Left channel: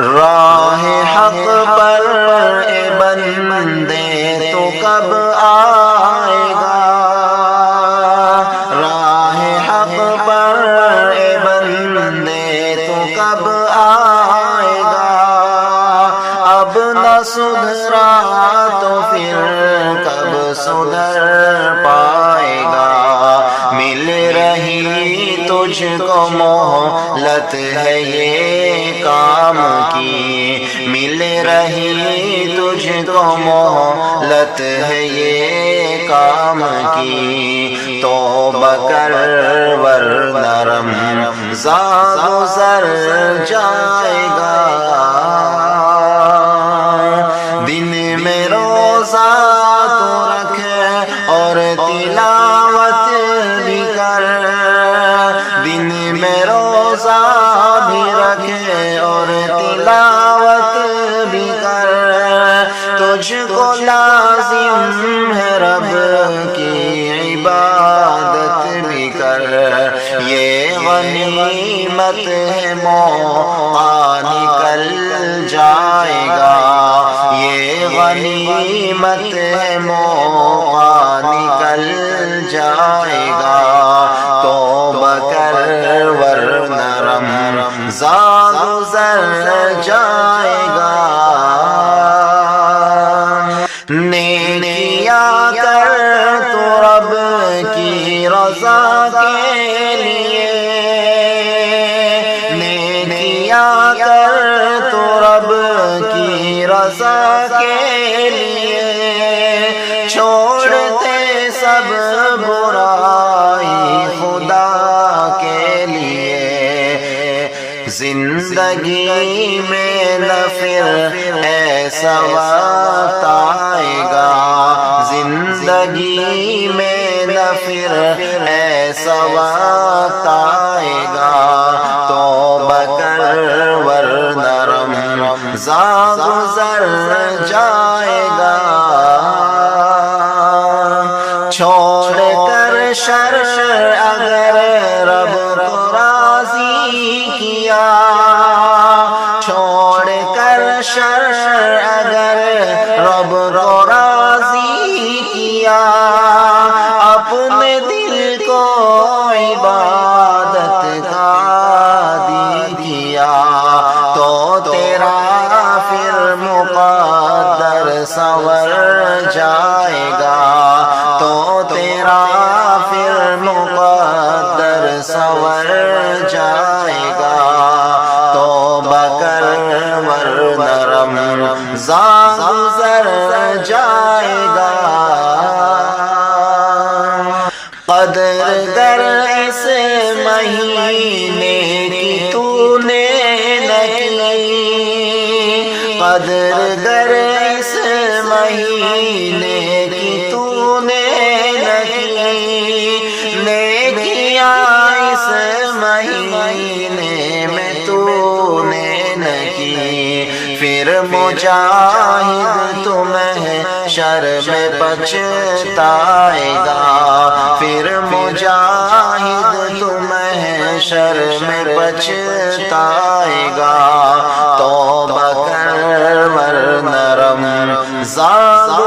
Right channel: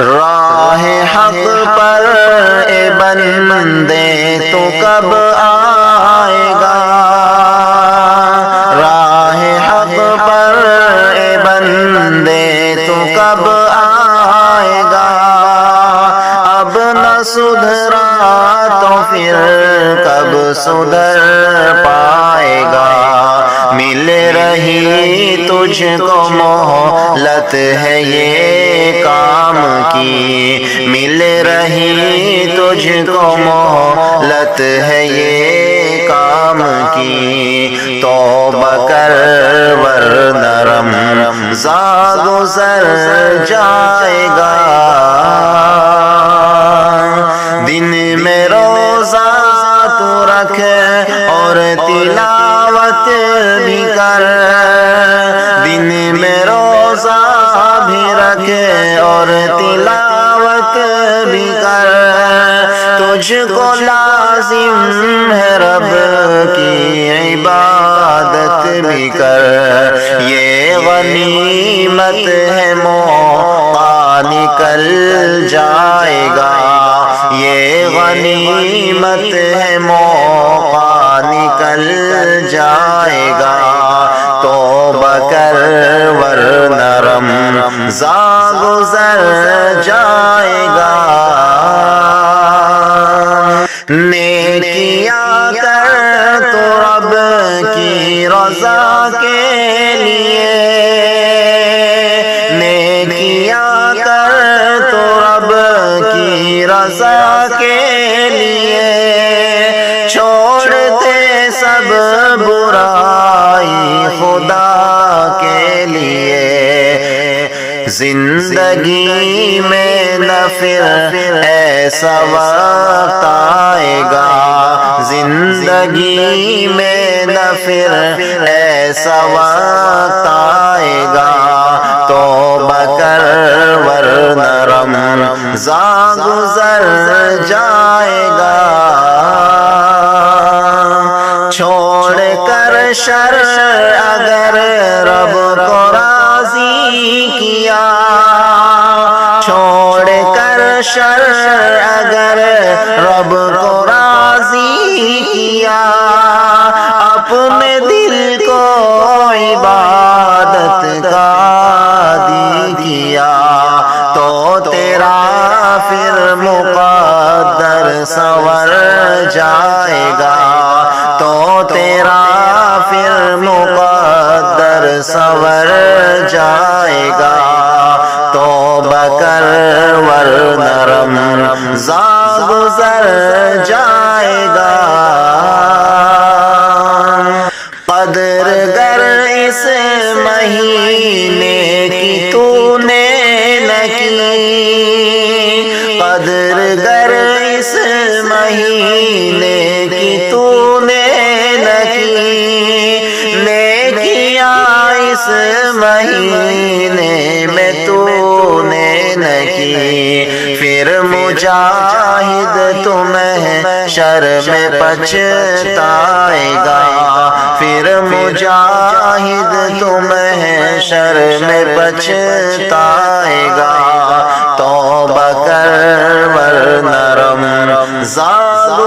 راہ حق پر اے بندے تو کب آئے گا، راہ حق پر اے بندے تو کب آئے گا، اب نہ سدھرا تو پھر کب سدھر پائے گا، مل رہی تجھ کو مہلت ہے یہ کام کی، مل رہی تجھ کو مہلت ہے یہ کام کی، توبہ کر ورنہ رمضان گزر جائے گا، دن میں روزہ تو رکھ اور تلاوت بھی کر، دن میں روزہ بھی رکھ اور تلاوت بھی کر، تجھ کو لازم ہے رب کی عبادت بھی کر، یہ غنیمت ہے موقع نکل جائے گا، یہ غنیمت ہے موقع نکل جائے گا، توبہ کر ورنہ رمضان گزر جائے گا، نیکیاں کر تو رب کی رضا کے لیے، نیکیاں کر تو رب کی رضا کے لیے، چھوڑتے سب برائی خدا کے لیے، زندگی میں نہ پھر ایسا وقت آئے گا، زندگی میں نہ پھر ایسا وقت آئے گا، توبہ کر ورنہ رمضان گزر جائے گا، چھوڑ کر شر اگر رب کو راضی کیا، چھوڑ کر شر اگر رب کو راضی کیا، اپنے دل کو عبادت کا عادی کیا، تو تیرا پھر مقدر سنور جائے گا، تو تیرا پھر مقدر سنور جائے گا، توبہ کر ورنہ رمضان گزر جائے گا، قدر گر اس مہینے کی تو نے نہ کی، قدر گر اس مہینے کی تو نے نہ کی، نیکیاں اس مہینے میں تو نے نہ کی، پھر مجاہد تمہیں شر میں پچھتائے گا، پھر مجاہد تمہیں شر میں پچھتائے گا، توبہ کر ورنہ رمضان